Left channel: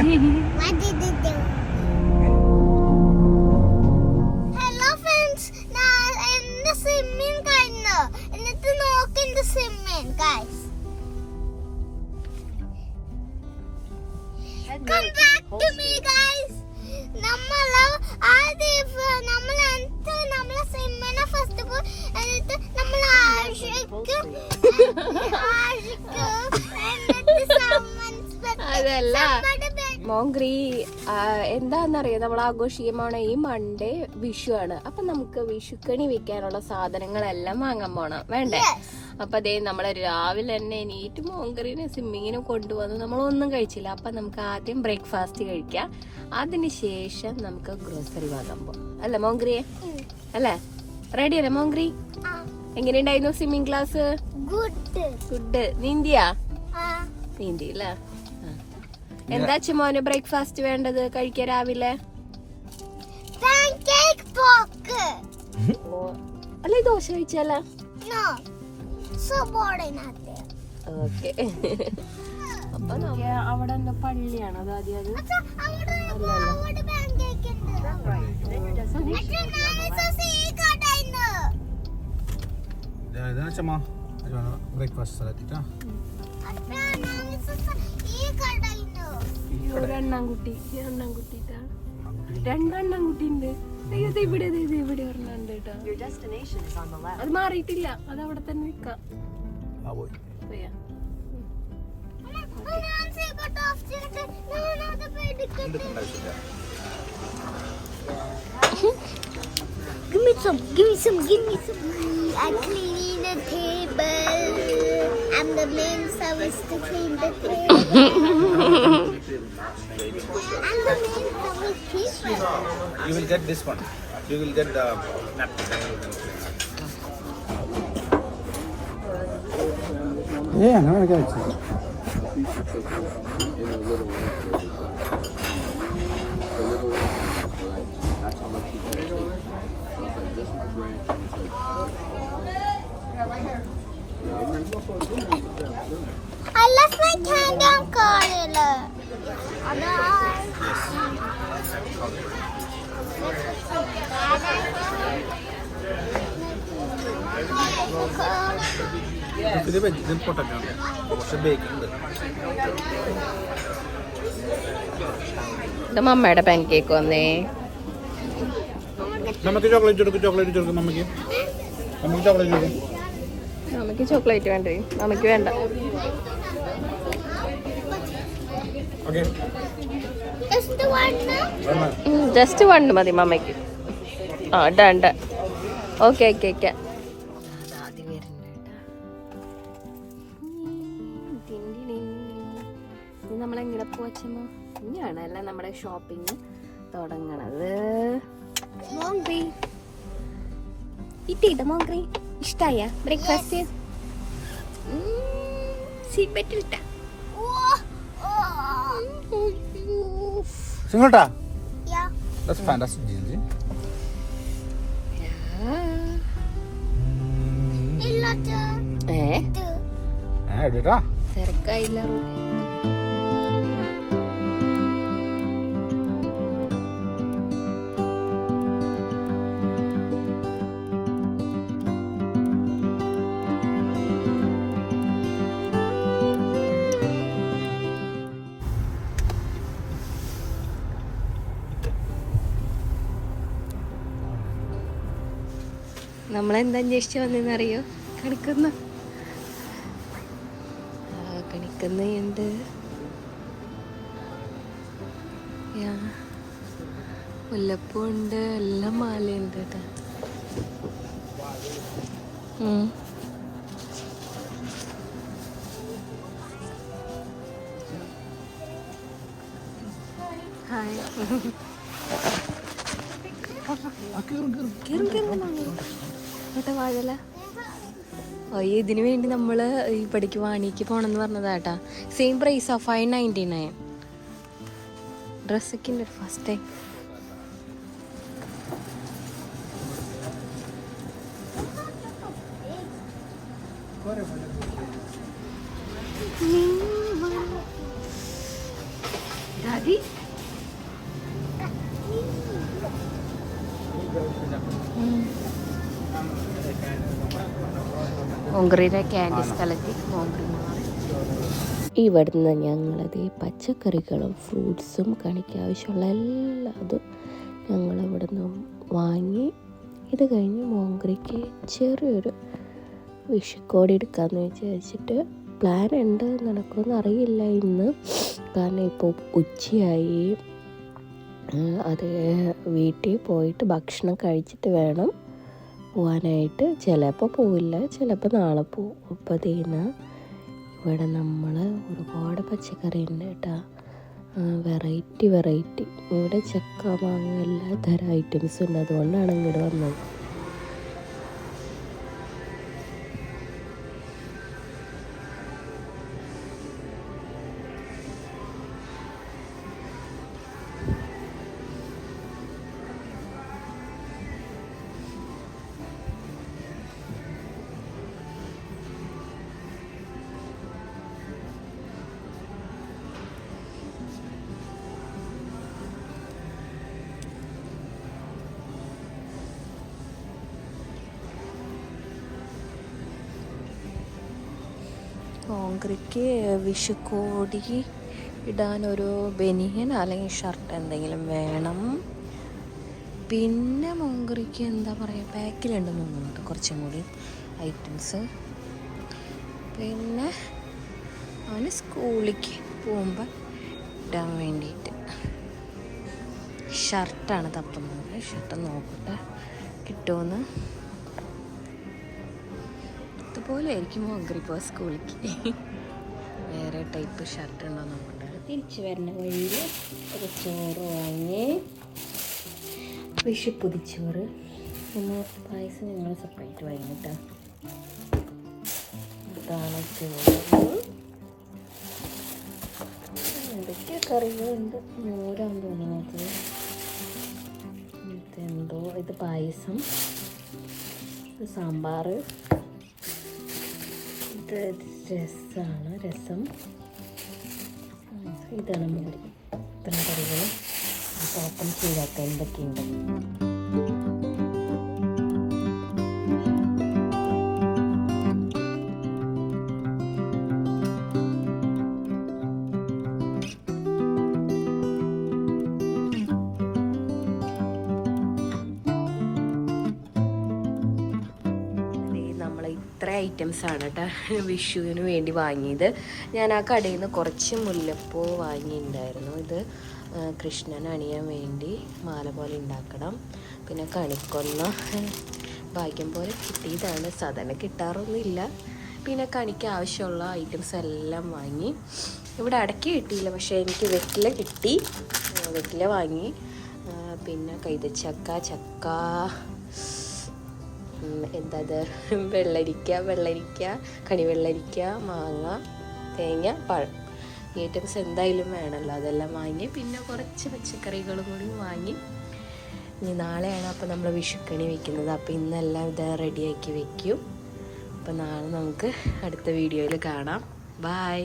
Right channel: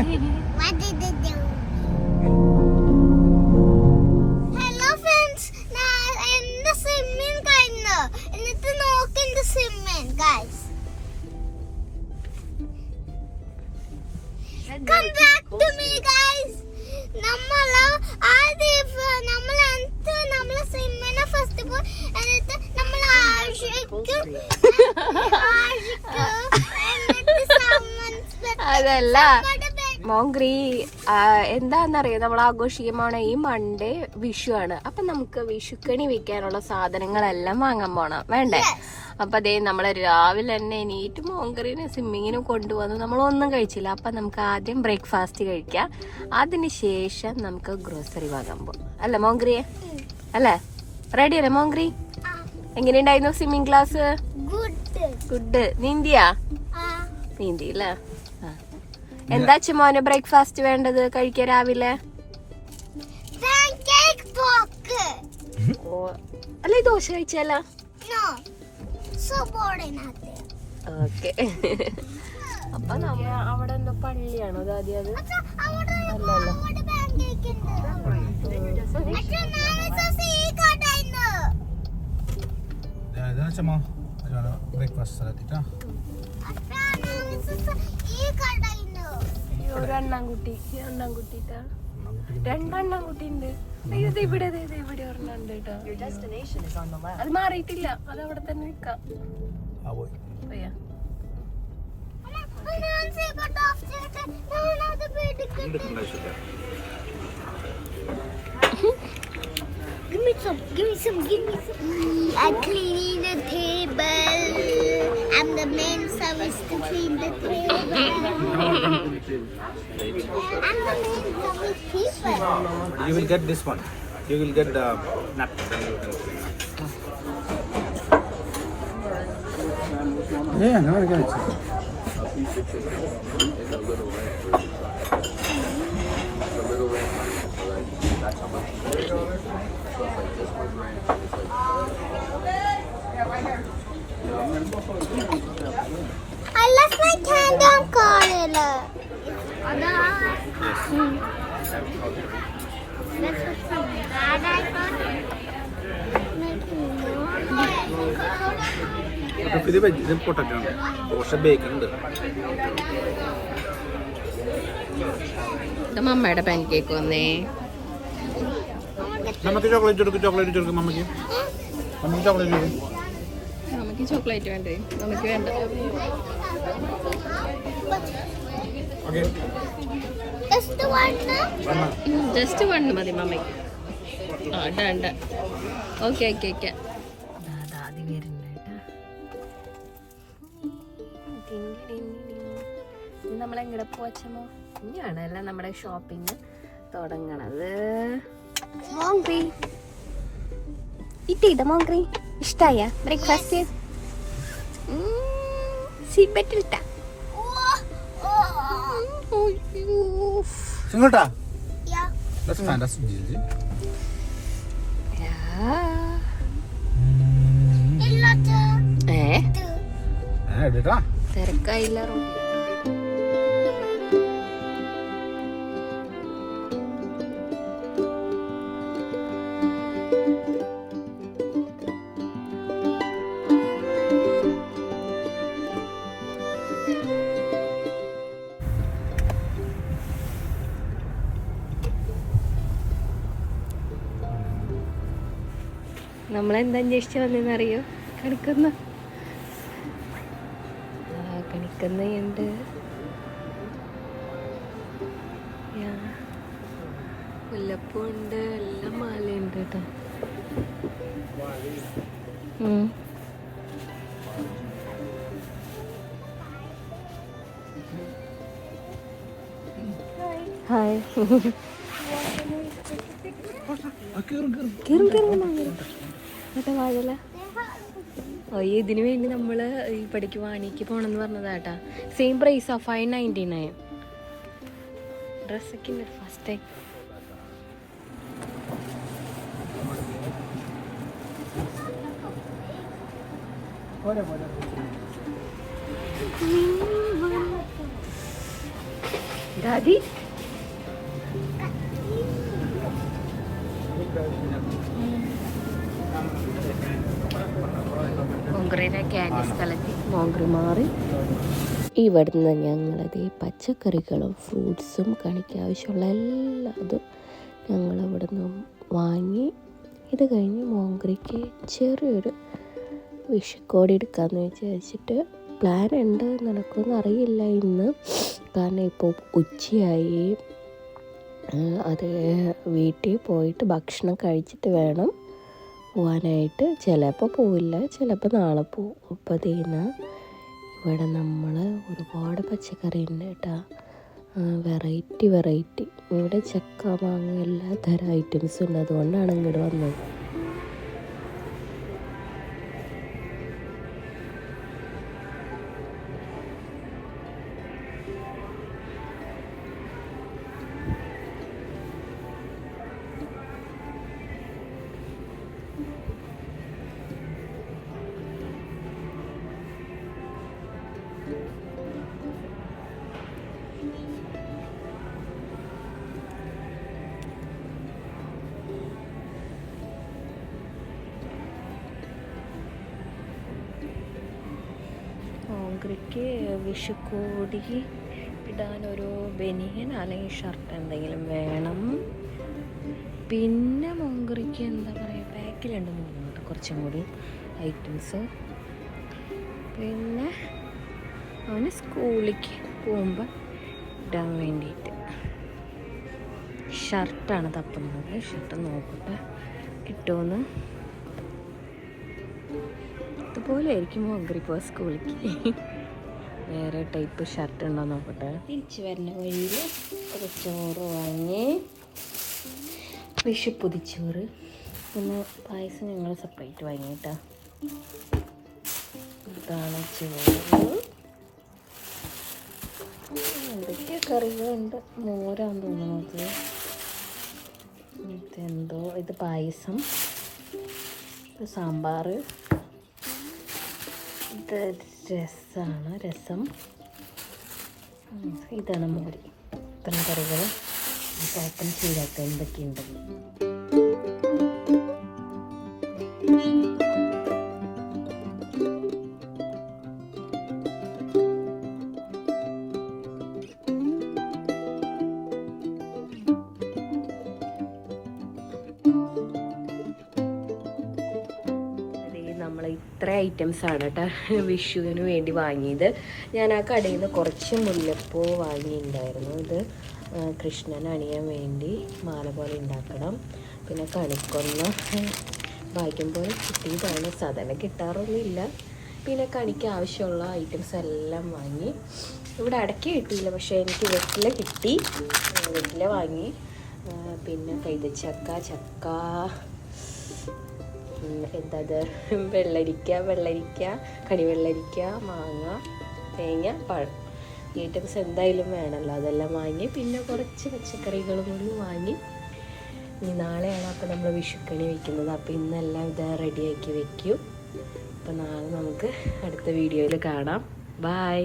What did you do? Hello friends. Now in the swimming kind of. And it's an walk in the swimming, guys. Come back to me, guys. നമ്മള് സ്വിമ്മിനെ first പോയി എന്നിട്ട് നമ്മൾ ആഷിക്കും അതല്ല മോങ്ക്രി എന്താന്നറിയാം, നമ്മൾ ആഘോഷിക്കുമ്പോണ ഈ Monday Vishu ആണ്. അപ്പൊ നമുക്ക് വിഷുക്കണി വെക്കാനുള്ള സാധനങ്ങളെല്ലാം വാങ്ങാൻ പോണം വേണ്ടേ? അപ്പൊ അതേ നമ്മള് രാവിലെ തന്നെ എണീറ്റ് മോങ്ക്രീനെ സ്വിമ്മിങ്ങിന് കൊണ്ടുവന്ന് നമ്മളൊന്നും കഴിച്ചില്ല. അപ്പൊ നമുക്ക് ആദ്യം ബ്രേക്ക്ഫാസ്റ്റ് കഴിക്കാം, അതിനുശേഷം നമുക്ക് ഗ്രോസറി വാങ്ങാൻ പോകാം. അല്ല മോങ്ക്രിയെ? അല്ലേ? റെഡി അല്ലേ മോങ്ക്രി? എങ്ങനെയുണ്ടായിരുന്നു സ്വിമ്മിങ് ക്ലാസ്? ഗുഡ്. നീന്തിയാ? നീന്തി അല്ലേ? എന്താ മോന് ബ്രേക്ക്ഫാസ്റ്റ് വേണ്ടത് കഴിക്കാൻ രാവിലെ? അല്ലേ ദോശ കഴിച്ചാല? അപ്പൊ അവിടെ എന്താ പള്ളിയാണോ അത് ആദ്യം? അത് ഒരെണ്ണാൻകുട്ടി രണ്ടെണ്ണാൻകുട്ടി ഉണ്ട്. ഇവിടെ ഇവിടെ ഒരെണ്ണുണ്ട് കേട്ടോ. അത് മാറിയിട്ടില്ല, അത് അവിടെ തന്നെ നിക്കാം. Give me some. I'm cleaning the table. I'm the main service to clean the table. I'm the main service people. You will get this one. You will get the napkin. Yeah, no, I got it. I left my candy on corridor. ഇത് potato ആണ്, കുറച്ച് bacon ഉണ്ട്. മമ്മയുടെ pan cake വന്നേ. നമുക്ക് chocolate കൊടുക്കും മമ്മക്ക് chocolate കൊടുക്കും. നമുക്ക് chocolate വേണ്ടേ? നമുക്ക് വേണ്ട. ജസ്റ്റ് വണ്ണ് മതി മമ്മയ്ക്ക്. ഡൺ. ഓക്കെ. നമ്മളെങ്ങനെ പോച്ചമോ ഇനിയാണ് അല്ല നമ്മുടെ ഷോപ്പിംഗ് തുടങ്ങണത്. ഇട്ടിട്ട മോങ്ക്രി ഇഷ്ടായ ബ്രേക്ക്ഫാസ്റ്റ്? സീപ്പറ്റിട്ട Singulta? Yeah. That's fantastic music. Edita? തിരക്കായില്ല. നമ്മളെന്താ അന്വേഷിച്ച് വന്നെന്നറിയോ? കണിക്കുന്ന ഉണ്ട്, മുല്ലപ്പൂണ്ട്, എല്ലാം മാലയുണ്ട് കേട്ടോ. ഹായ്. കേട്ടോ വാഴല. അയ്യോ, ഇതിനു വേണ്ടി നമ്മൾ ഈ പടിക്ക് വാനിക്ക് പോണെന്ന് പറഞ്ഞതാട്ടാ. സെയിം പ്രൈസാ, 599. ഡ്രസ്സൊക്കെ ഉണ്ട് ഫസ്റ്റ് ടൈം. ഡാഡി മോങ്ക്രീനെ ക്യാൻഡി സ്ഥലത്ത് മോങ്ക്രി മാറി. ഇവിടുന്ന് ഞങ്ങളത് പച്ചക്കറികളും ഫ്രൂട്ട്സും കണിക്ക് ആവശ്യമുള്ള എല്ലാതും ഞങ്ങൾ ഇവിടുന്ന് വാങ്ങി. ഇത് കഴിഞ്ഞ് മോങ്ക്രിക്ക് ചെറിയൊരു വിഷുക്കോടി എടുക്കാമെന്ന് വിചാരിച്ചിട്ട് പ്ലാൻ ഉണ്ട്. നടക്കുമെന്ന് അറിയില്ല ഇന്ന്, കാരണം ഇപ്പോൾ ഉച്ചയായി. അത് വീട്ടിൽ പോയിട്ട് ഭക്ഷണം കഴിച്ചിട്ട് വേണം പോകാനായിട്ട്. ചിലപ്പോൾ പോവില്ല, ചിലപ്പോൾ നാളെ പോവും. അപ്പോൾ അതിന് ഇവിടെ നമ്മൾ ഒരുപാട് പച്ചക്കറി ഉണ്ട് കേട്ടോ, വെറൈറ്റി. ഇവിടെ ചക്ക മാങ്ങ എല്ലാ തരം ഐറ്റംസും ഉണ്ട്, അതുകൊണ്ടാണ് ഇങ്ങോട്ട് വന്നത്. മോങ്ക്രിക്ക് വിഷുക്കോടി ഇടാനൊരു ബനിയൻ അല്ലെങ്കിൽ ഷർട്ട് എന്തെങ്കിലും വേണം. പിന്നെ മോങ്ക്രിക്ക് എന്താ പറയുക, ബാക്കിലുണ്ട് മുന്നോട്ട് കുറച്ചും കൂടി ഐറ്റംസ്. പിന്നെ അവന് സ്കൂളിലേക്ക് പോകുമ്പോൾ ഇടാൻ വേണ്ടിയിട്ട് ഷർട്ടാണ് തപ്പുന്നത്. ഷർട്ട് നോക്കട്ടെ കിട്ടുമെന്ന്. ഇതുപോലെ ആയിരിക്കും മോങ്ക്രി ഇപ്പോൾ സ്കൂളിലേക്ക്. വേറെ ടൈപ്പ് ഷർട്ട് ഉണ്ടോ നോക്കട്ടെ. തിരിച്ച് വരുന്ന വഴിയിൽ ഒരു ചോറ് വാങ്ങി, വിഷു പൊതിച്ചോറ്. പിന്നെ പായസം ഞങ്ങൾ സെപ്പറേറ്റ് വാങ്ങിയിട്ടാ. ഇതാണ് ചോറ്. എന്തൊക്കെ കറികളുണ്ട്, മോരാന്ന് തോന്നുന്നത്. ഇതെന്തോ, ഇത് പായസം, ഇത് സാമ്പാർ, ഇത് രസം, ഇതാണ് മോര്. ഇത്രയും കറികൾ ഓപ്പൺ ചെയ്താക്കാൻ എന്തൊക്കെയുണ്ട്. ഇത്ര ഐറ്റംസാണ് കേട്ടോ വിഷുവിന് വേണ്ടി വാങ്ങിയത്. ഞാൻ ആ കടയിൽ നിന്ന് കുറച്ച് മുല്ലപ്പൂ വാങ്ങിയിട്ടുണ്ടായിരുന്നു. ഇത് കൃഷ്ണൻ അണിയാൻ വേണ്ടി മാല പോലെ ഉണ്ടാക്കണം. പിന്നെ കണിക്കൊന്ന ഭാഗ്യം പോലെ കിട്ടിയതാണ്, സാധാരണ കിട്ടാറൊന്നുമില്ല. പിന്നെ കണിക്ക് ആവശ്യമുള്ള ഐറ്റംസ് എല്ലാം വാങ്ങി. ഇവിടെ അടയ്ക്ക് കിട്ടിയില്ല, പക്ഷേ എനിക്ക് വെറ്റില കിട്ടി, വെറ്റില വാങ്ങി. പിന്നെ ചക്ക, എന്താത് വെള്ളരിക്ക, കണിവെള്ളരിക്ക, മാങ്ങ, തേങ്ങ, പഴം, ഈ ഐറ്റംസ് എന്തായാലും വേണമല്ലോ, അതെല്ലാം വാങ്ങി. പിന്നെ കുറച്ച് പച്ചക്കറികളും കൂടി വാങ്ങി. ഇനി നാളെയാണ് അപ്പോൾ നമ്മൾ വിഷുക്കണി വയ്ക്കുന്നത്. അപ്പോൾ ഇന്നെല്ലാം ഇത് റെഡിയാക്കി വെക്കും. അപ്പോൾ നാളെ നമുക്ക് അടുത്ത വീഡിയോയിൽ കാണാം. ബൈ.